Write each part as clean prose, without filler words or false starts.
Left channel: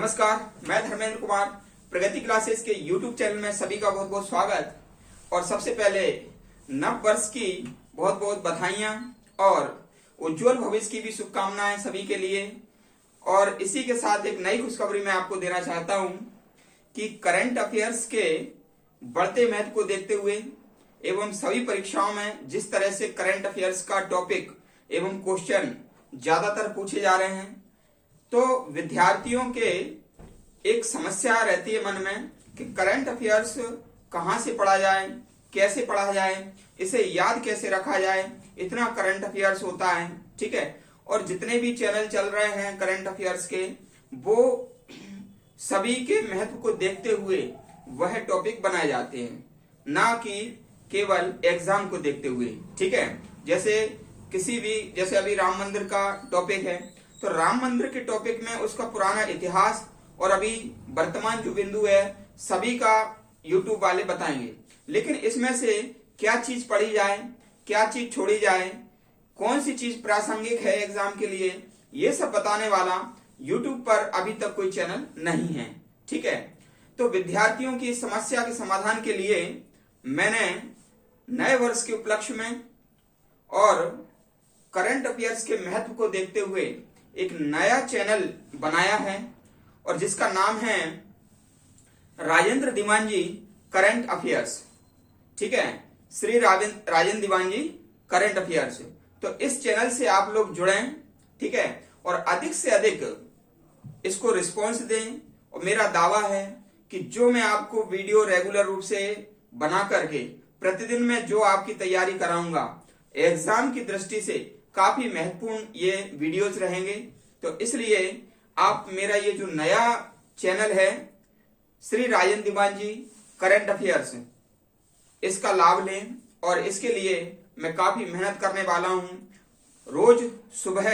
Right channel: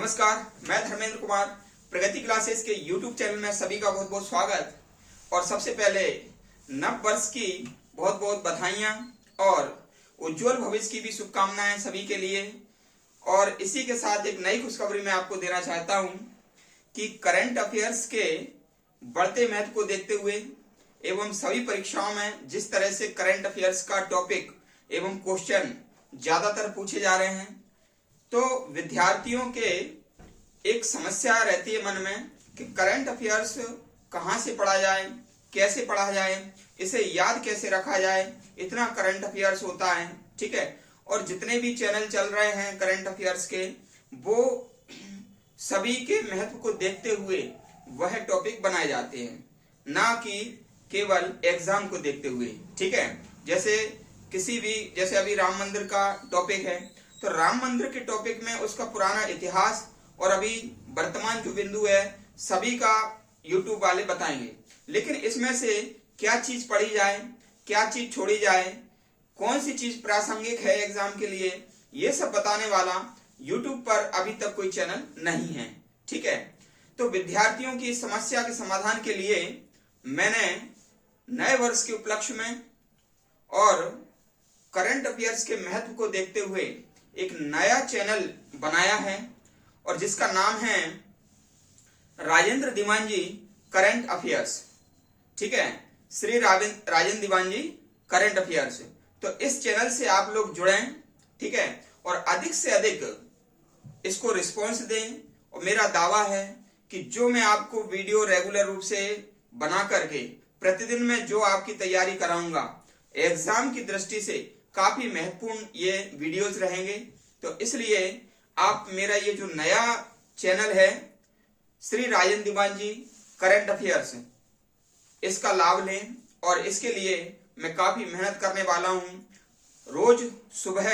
नमस्कार, मैं धर्मेंद्र कुमार प्रगति क्लासेस के YouTube चैनल में सभी का बहुत बहुत स्वागत। और सबसे पहले नव वर्ष की बहुत बहुत बधाइयां और उज्जवल भविष्य की भी शुभकामनाएं सभी के लिए। और इसी के साथ एक नई खुशखबरी मैं आपको देना चाहता हूं कि करंट अफेयर्स के बढ़ते महत्व को देखते हुए एवं सभी परीक्षाओं में जिस तरह से करंट अफेयर्स का टॉपिक एवं क्वेश्चन ज्यादातर पूछे जा रहे हैं, तो विद्यार्थियों के एक समस्या रहती है मन में कि करंट अफेयर्स कहाँ से पढ़ा जाए, कैसे पढ़ा जाए, इसे याद कैसे रखा जाए। इतना करंट अफेयर्स होता है, ठीक है। और जितने भी चैनल चल रहे हैं करंट अफेयर्स के, वो सभी के महत्व को देखते हुए वह टॉपिक बनाए जाते हैं, ना कि केवल एग्जाम को देखते हुए, ठीक है। जैसे अभी राम मंदिर का टॉपिक है, तो राम मंदिर के टॉपिक में उसका पुराना इतिहास और अभी वर्तमान जो बिंदु है सभी का यूट्यूब वाले बताएंगे। लेकिन इसमें से क्या चीज पढ़ी जाए, क्या चीज छोड़ी जाए, कौन सी चीज प्रासंगिक है एग्जाम के लिए, ये सब बताने वाला यूट्यूब पर अभी तक कोई चैनल नहीं है, ठीक है। तो विद्यार्थियों की समस्या के समाधान के लिए मैंने नए वर्ष के उपलक्ष्य में और करंट अफेयर्स के महत्व को देखते हुए एक नया चैनल बनाया है और जिसका नाम है राजेंद्र दीवान जी करंट अफेयर्स, ठीक है। श्री राजेंद्र दीवान जी करंट अफेयर्स। तो इस चैनल से आप लोग जुड़ें, ठीक है, और अधिक से अधिक इसको रिस्पॉन्स दें। और मेरा दावा है कि जो मैं आपको वीडियो रेगुलर रूप से बना करके प्रतिदिन में जो आपकी तैयारी कराऊंगा, एग्जाम की दृष्टि से काफी महत्वपूर्ण ये वीडियोस रहेंगे। तो इसलिए आप मेरा ये जो नया चैनल है श्री राजेंद्र दीवान जी करंट अफेयर्स, इसका लाभ लें। और इसके लिए मैं काफी मेहनत करने वाला हूं। रोज सुबह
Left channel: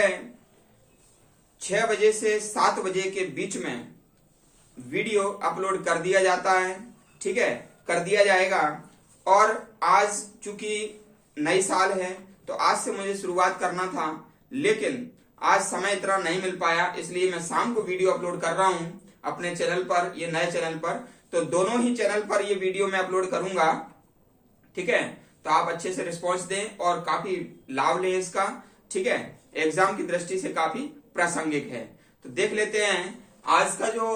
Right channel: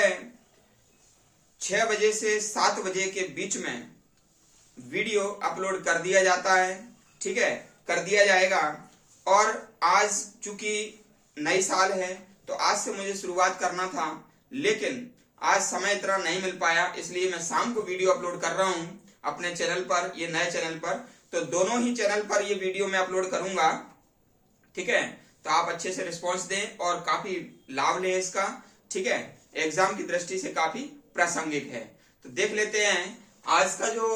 6 बजे से 7 बजे के बीच में वीडियो अपलोड कर दिया जाता है, ठीक है, कर दिया जाएगा। और आज चूंकि नई साल है तो आज से मुझे शुरुआत करना था, लेकिन आज समय इतना नहीं मिल पाया, इसलिए मैं शाम को वीडियो अपलोड कर रहा हूं अपने चैनल पर, ये नए चैनल पर। तो दोनों ही चैनल पर ये वीडियो मैं अपलोड करूंगा, ठीक है। तो आप अच्छे से रिस्पॉन्स दें और काफी लाभ लें इसका, ठीक है। एग्जाम की दृष्टि से काफी प्रासंगिक है। तो देख लेते हैं आज का जो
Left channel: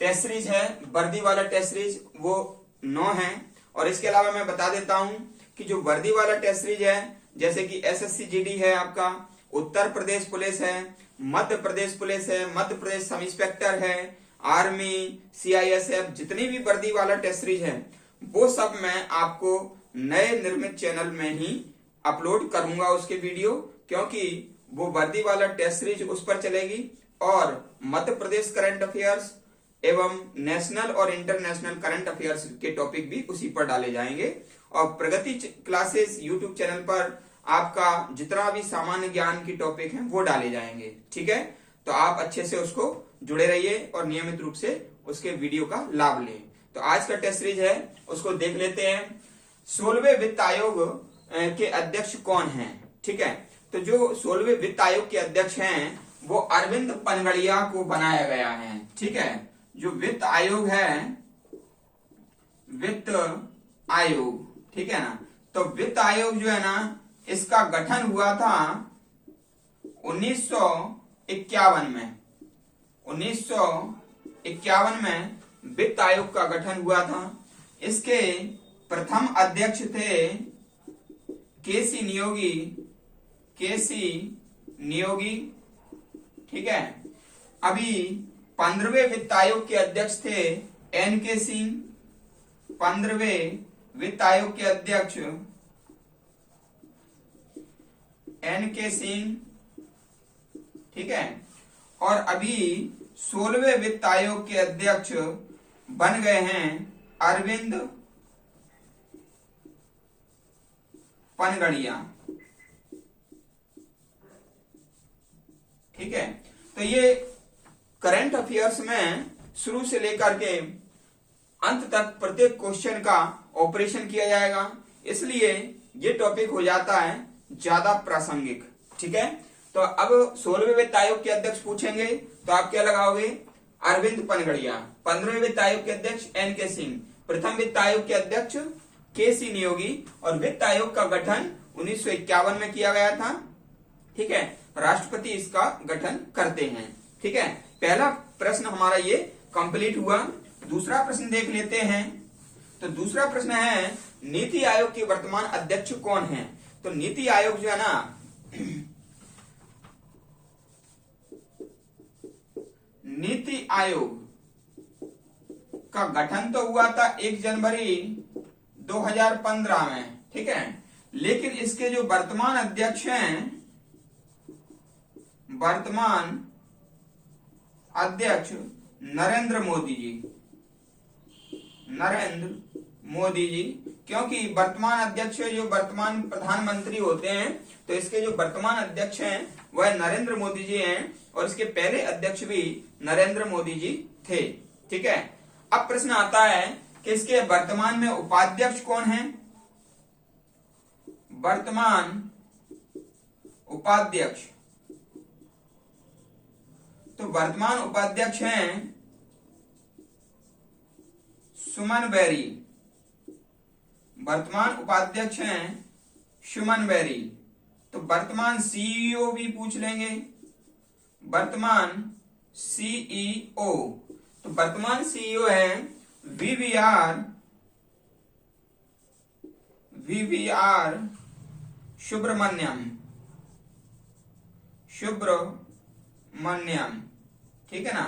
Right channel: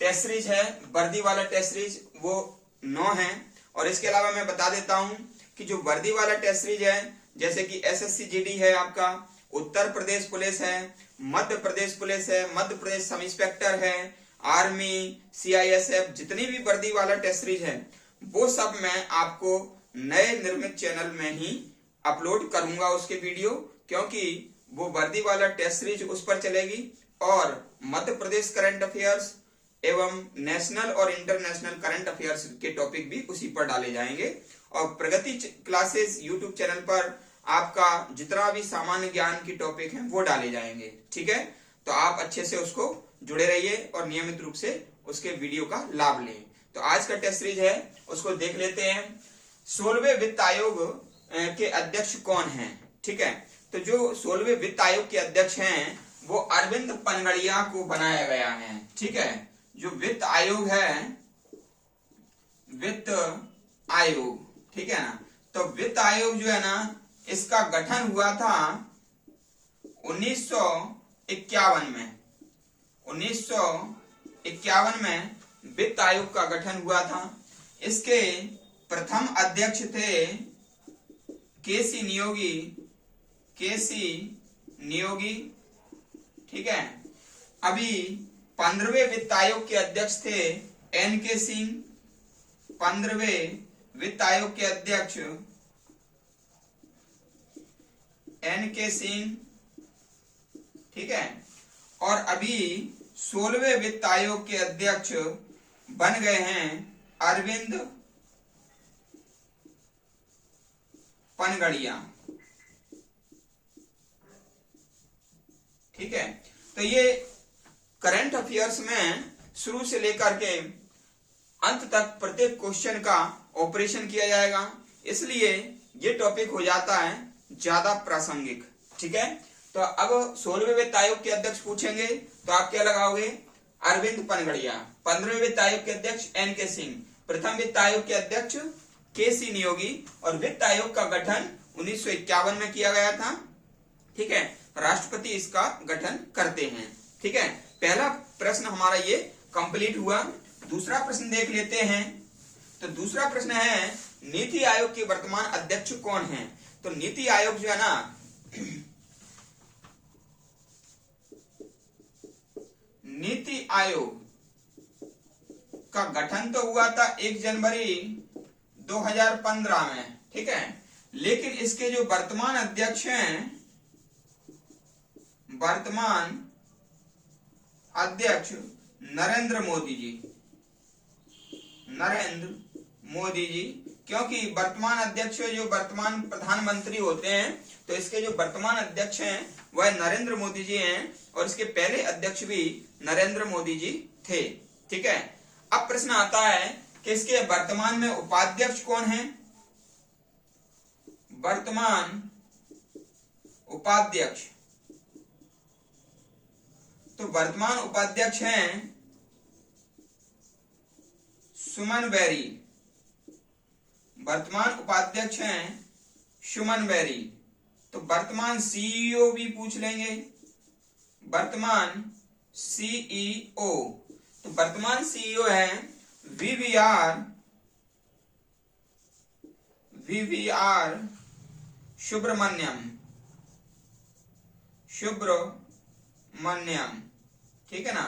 टेस्ट सीरीज है, वर्दी वाला टेस्ट सीरीज, वो 9 है। और इसके अलावा मैं बता देता हूं कि जो वर्दी वाला टेस्ट सीरीज है, जैसे कि एसएससी जीडी है आपका, उत्तर प्रदेश पुलिस है, मध्य प्रदेश पुलिस है, मध्य प्रदेश सब इंस्पेक्टर है, आर्मी, सीआईएसएफ, जितनी भी वर्दी वाला टेस्ट सीरीज है वो सब मैं आपको नए निर्मित चैनल में ही अपलोड करूंगा उसके वीडियो, क्योंकि वो वर्दी वाला टेस्ट सीरीज उस पर चलेगी और मध्य प्रदेश करंट अफेयर्स एवं नेशनल और इंटरनेशनल करंट अफेयर्स के टॉपिक भी उसी पर डाले जाएंगे। और प्रगति क्लासेस यूट्यूब चैनल पर आपका जितना भी सामान्य ज्ञान की टॉपिक हैं वो डाले जाएंगे, ठीक है। तो आप अच्छे से उसको जुड़े रहिए और नियमित रूप से उसके वीडियो का लाभ लें। तो आज का टेस्ट सीरीज है उसको देख लेते हैं। 16वें वित्त आयोग के अध्यक्ष कौन हैं, ठीक है। तो जो 16वें वित्त आयोग के अध्यक्ष हैं वो अरविंद पनगड़िया को बनाया गया है, ठीक है। जो वित्त आयोग है, वित्त आयोग, ठीक है ना। तो वित्त आयोग जो है ना, इसका गठन हुआ था 1951 में। 1951 में वित्त आयोग का गठन हुआ था। इसके प्रथम अध्यक्ष थे केसी नियोगी, ठीक है। अभी 15वें वित्त आयोग के अध्यक्ष थे एनके सिंह। 15वें वित्त आयोग के अध्यक्ष एनके सिंह, ठीक है। और अभी 16वें वित्त आयोग के अध्यक्ष बन गए हैं अरविंद पनगड़िया, ठीक है। तो ये करंट अफेयर्स में शुरू से लेकर के अंत तक प्रत्येक क्वेश्चन का ऑपरेशन किया जाएगा, इसलिए ये टॉपिक हो जाता है ज्यादा प्रासंगिक, ठीक है। तो अब 16वें वित्त आयोग के अध्यक्ष पूछेंगे तो आप क्या लगाओगे, अरविंद पनगड़िया। 15वें वित्त आयोग के अध्यक्ष NK सिंह। प्रथम वित्त आयोग के अध्यक्ष KC नियोगी। और वित्त आयोग का गठन 1951 में किया गया था। ठीक है, राष्ट्रपति इसका गठन करते हैं। ठीक है, पहला प्रश्न हमारा ये कंप्लीट हुआ। दूसरा प्रश्न देख लेते हैं। तो दूसरा प्रश्न है नीति आयोग के वर्तमान अध्यक्ष कौन हैं? तो नीति आयोग जो है ना, नीति आयोग का गठन तो हुआ था 1 जनवरी 2015 में। ठीक है, लेकिन इसके जो वर्तमान अध्यक्ष हैं, वर्तमान अध्यक्ष नरेंद्र मोदी जी। नरेंद्र मोदी जी, क्योंकि वर्तमान अध्यक्ष जो वर्तमान प्रधानमंत्री होते हैं, तो इसके जो वर्तमान अध्यक्ष हैं वह नरेंद्र मोदी जी हैं और इसके पहले अध्यक्ष भी नरेंद्र मोदी जी थे। ठीक है, अब प्रश्न आता है कि इसके वर्तमान में उपाध्यक्ष कौन है? वर्तमान उपाध्यक्ष, तो वर्तमान उपाध्यक्ष हैं सुमन बेरी। वर्तमान उपाध्यक्ष हैं सुमन बेरी। तो वर्तमान CEO भी पूछ लेंगे, वर्तमान CEO। तो वर्तमान CEO है VVR सुब्रमण्यम। ठीक है ना।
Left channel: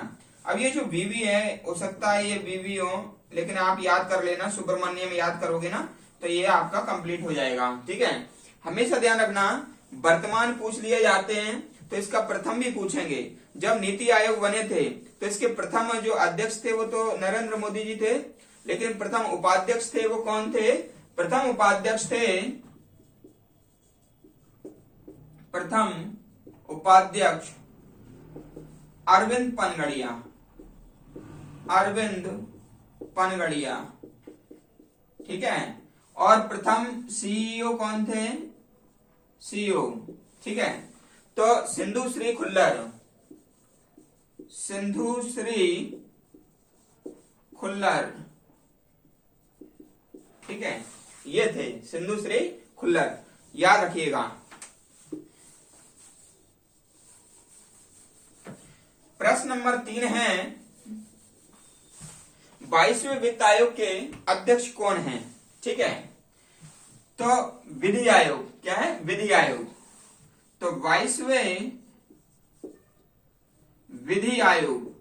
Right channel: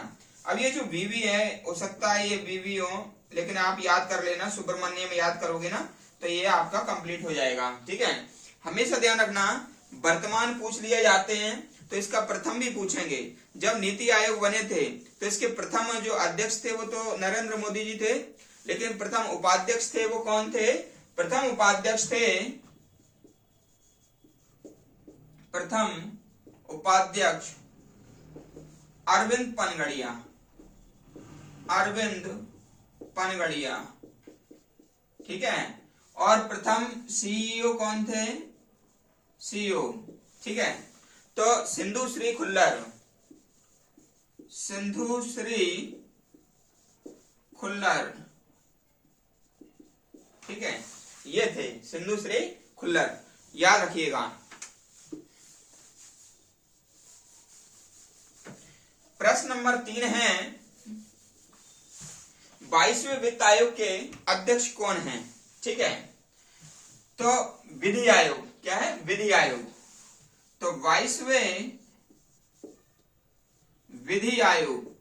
अब ये जो VV है, हो सकता है ये VV हो, लेकिन आप याद कर लेना, सुब्रमण्यम याद करोगे ना तो ये आपका कंप्लीट हो जाएगा। ठीक है, हमेशा ध्यान रखना, वर्तमान पूछ लिए जाते हैं तो इसका प्रथम भी पूछेंगे। जब नीति आयोग बने थे तो इसके प्रथम जो अध्यक्ष थे वो तो नरेंद्र मोदी जी थे, लेकिन प्रथम उपाध्यक्ष थे वो कौन थे? प्रथम उपाध्यक्ष थे, प्रथम उपाध्यक्ष अरविंद पनगड़िया। अरविंद पनगड़िया। ठीक है, और प्रथम CEO कौन थे? CEO। ठीक है, तो सिंधु श्री खुल्लर। सिंधु श्री खुल्लर। ठीक है, ये थे सिंधु श्री खुल्लर, याद रखिएगा। प्रश्न नंबर 3 है 22वें वित्त आयोग के अध्यक्ष कौन हैं? ठीक है, तो विधि आयोग। क्या है? विधि आयोग। तो 22वें विधि आयोग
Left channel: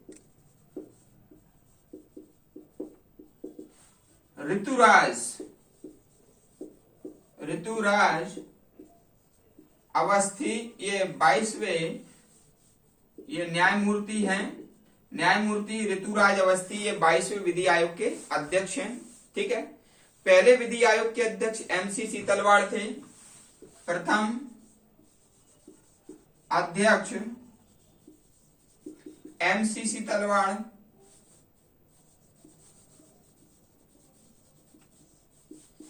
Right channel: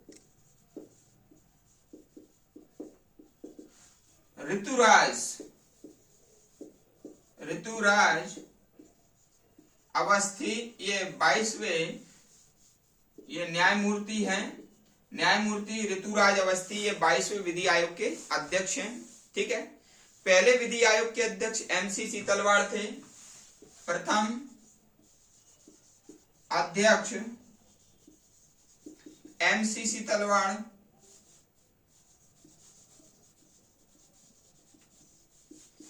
ऋतुराज अवस्थी, ये 22वें ये न्यायमूर्ति हैं। न्यायमूर्ति ऋतुराज अवस्थी ये 22वें विधि आयोग के अध्यक्ष हैं। ठीक है, पहले विधि आयोग के अध्यक्ष MC सीतलवाड़ थे। प्रथम अध्यक्ष MC सीतलवाड़।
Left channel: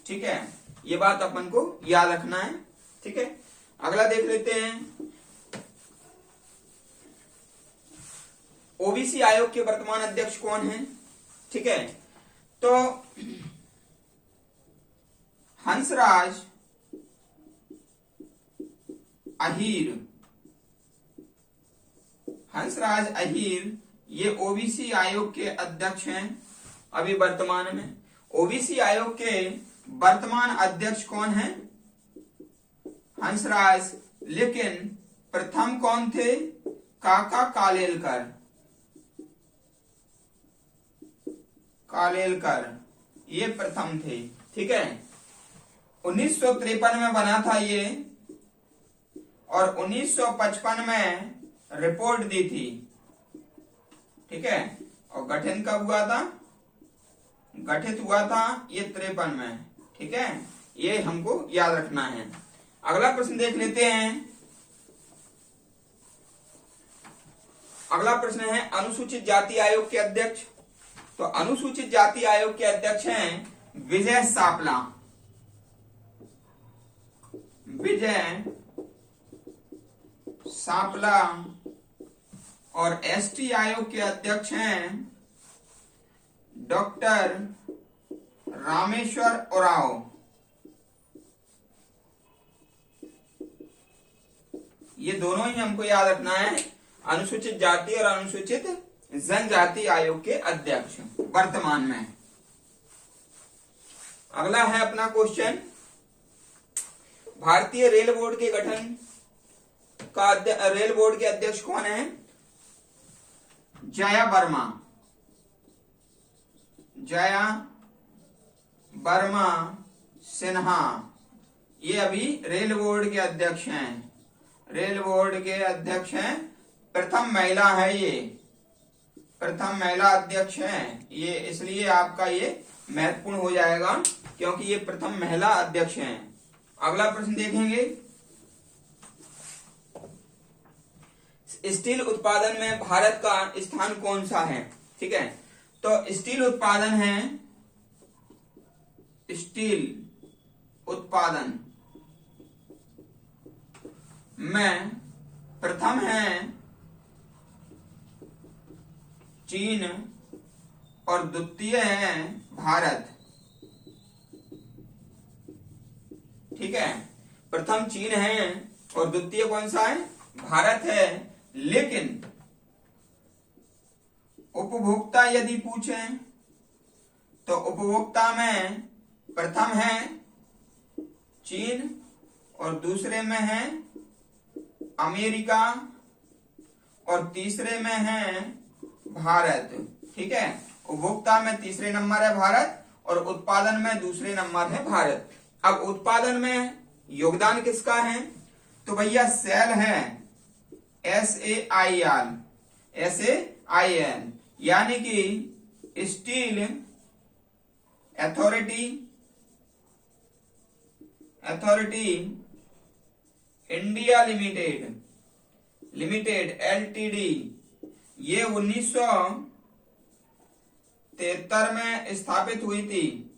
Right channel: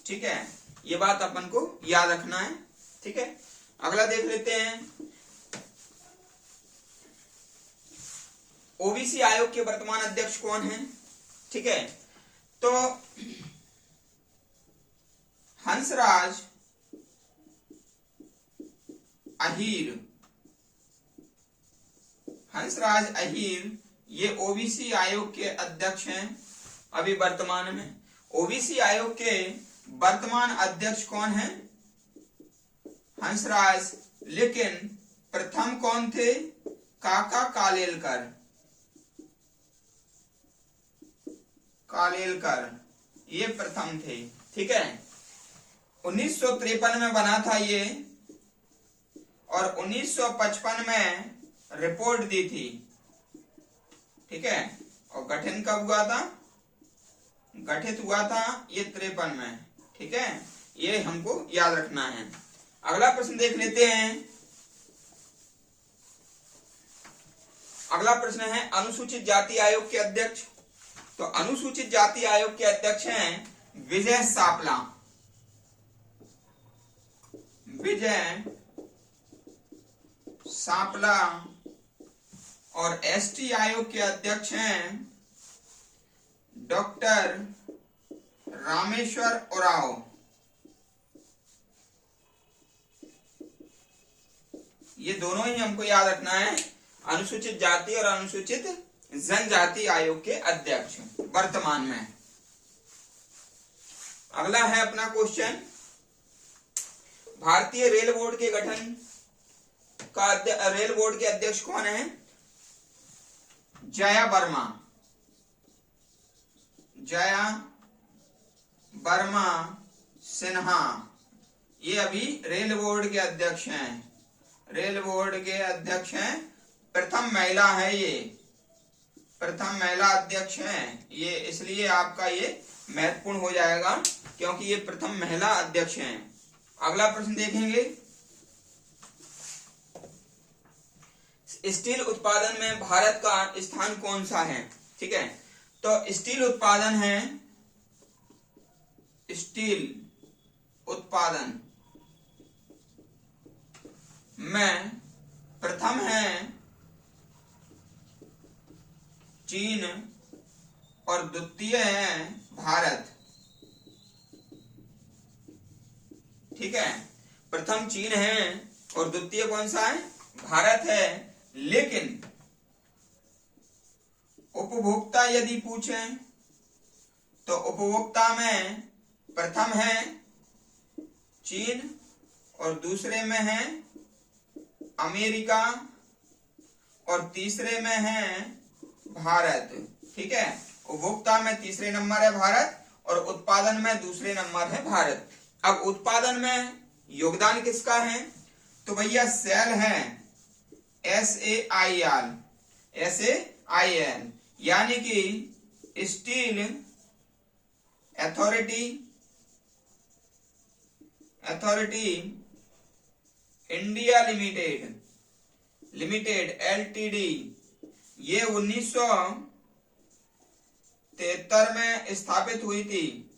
ठीक है, ये बात अपन को याद रखना है। ठीक है, अगला देख लेते हैं। OBC आयोग के वर्तमान अध्यक्ष कौन हैं? ठीक है, तो हंसराज अहीर। हंसराज अहीर ये OBC आयोग के अध्यक्ष हैं अभी वर्तमान में। OBC आयोग के वर्तमान अध्यक्ष कौन हैं? हंसराज, लेकिन प्रथम कौन थे? काका कालेलकर। ये प्रथम थे। ठीक है, 1953 में बना था ये और 1955 में रिपोर्ट दी थी। ठीक है, और गठन कब हुआ था? गठित हुआ था ये 53 में। ठीक है, ये हमको याद रखना है। अगला प्रश्न देख लेते हैं। अगला प्रश्न है अनुसूचित जाति आयोग के अध्यक्ष। तो अनुसूचित जाति आयोग के अध्यक्ष हैं विजय सापला। विजय सापला और एसटी आयोग के अध्यक्ष हैं डॉक्टर रामेश्वर उरांव। ये दोनों ही हमको याद रखना है, अनुसूचित जाति और अनुसूचित जनजाति आयोग के अध्यक्ष वर्तमान में। अगला है अपना क्वेश्चन, भारतीय रेल बोर्ड के गठन का रेल बोर्ड के अध्यक्ष कौन है? जया वर्मा। जया वर्मा सिन्हा, ये अभी रेल बोर्ड के अध्यक्ष हैं। रेल बोर्ड के अध्यक्ष हैं, प्रथम महिला है ये, प्रथम महिला अध्यक्ष हैं ये, इसलिए आपका ये महत्वपूर्ण हो जाएगा क्योंकि ये प्रथम महिला अध्यक्ष हैं। अगला प्रश्न देखेंगे, स्टील उत्पादन में भारत का स्थान कौन सा है? ठीक है, तो स्टील उत्पादन है, स्टील उत्पादन में प्रथम है चीन और द्वितीय है भारत। ठीक है, प्रथम चीन है और द्वितीय कौन सा है? भारत है। लेकिन उपभोक्ता यदि पूछें तो उपभोक्ता में प्रथम है चीन और दूसरे में है अमेरिका और तीसरे में है भारत। ठीक है, उपभोक्ता में तीसरे नंबर है भारत और उत्पादन में दूसरे नंबर है भारत। अब उत्पादन में योगदान किसका है? तो भैया सेल है, SAIL, यानी कि steel authority India limited LTD, ये 1973 में स्थापित हुई थी।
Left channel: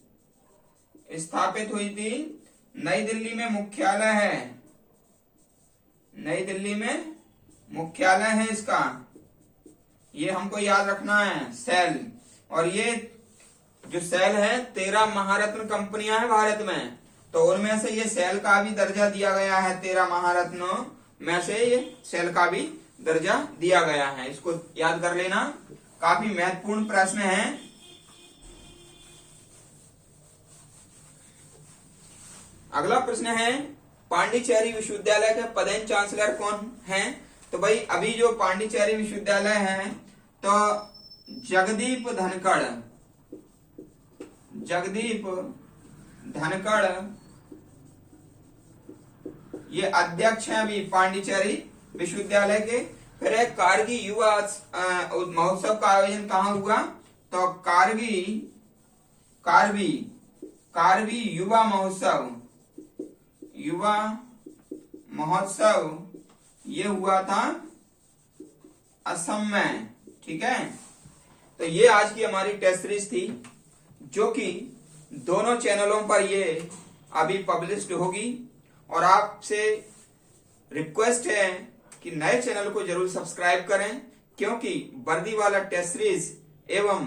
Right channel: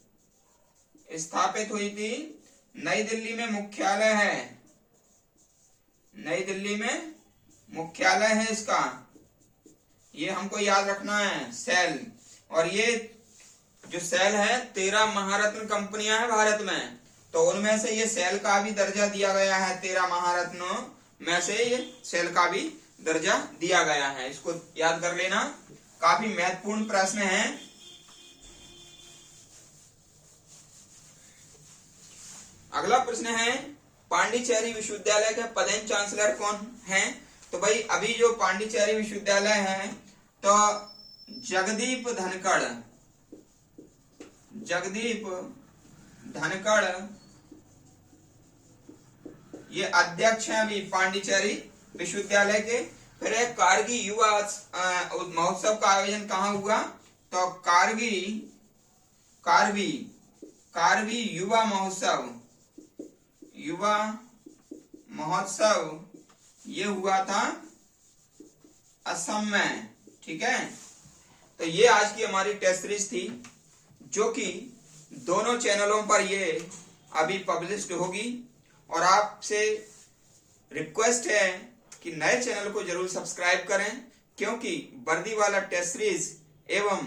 नई दिल्ली में मुख्यालय है, नई दिल्ली में मुख्यालय है इसका, ये हमको याद रखना है सेल। और ये जो सेल है 13 महारत्न कंपनियां हैं भारत में, तो उनमें से ये सेल का भी दर्जा दिया गया है। 13 महारत्नों में से ये सेल का भी दर्जा दिया गया है, इसको याद कर लेना, काफी महत्वपूर्ण प्रश्न है। अगला प्रश्न है, पांडिचेरी विश्वविद्यालय के पदेन चांसलर कौन हैं? तो भाई अभी जो पांडिचेरी विश्वविद्यालय है तो जगदीप धनखड़ ये अध्यक्ष हैं अभी पांडिचेरी विश्वविद्यालय के। फिर एक कारगी युवा महोत्सव का आयोजन कहाँ हुआ? तो कारबी युवा महोत्सव ये हुआ था असम में। ठीक है, तो ये आज की हमारी टेस्ट सीरीज थी जो कि दोनों चैनलों पर ये अभी पब्लिश्ड होगी। और आपसे रिक्वेस्ट है कि नए चैनल को जरूर सब्सक्राइब करें, क्योंकि वर्दी वाला टेस्ट सीरीज एवं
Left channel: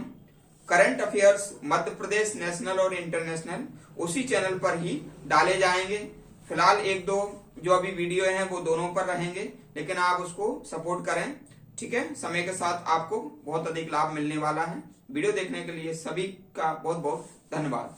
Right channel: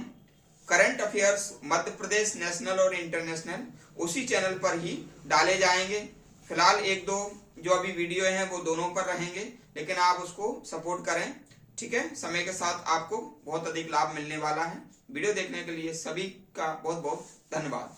current affairs Madhya Pradesh national और इंटरनेशनल उसी चैनल पर ही डाले जाएंगे। फिलहाल एक दो जो अभी वीडियो हैं वो दोनों पर रहेंगे, लेकिन आप उसको सपोर्ट करें। ठीक है, समय के साथ आपको बहुत अधिक लाभ मिलने वाला है। वीडियो देखने के लिए सभी का बहुत बहुत धन्यवाद।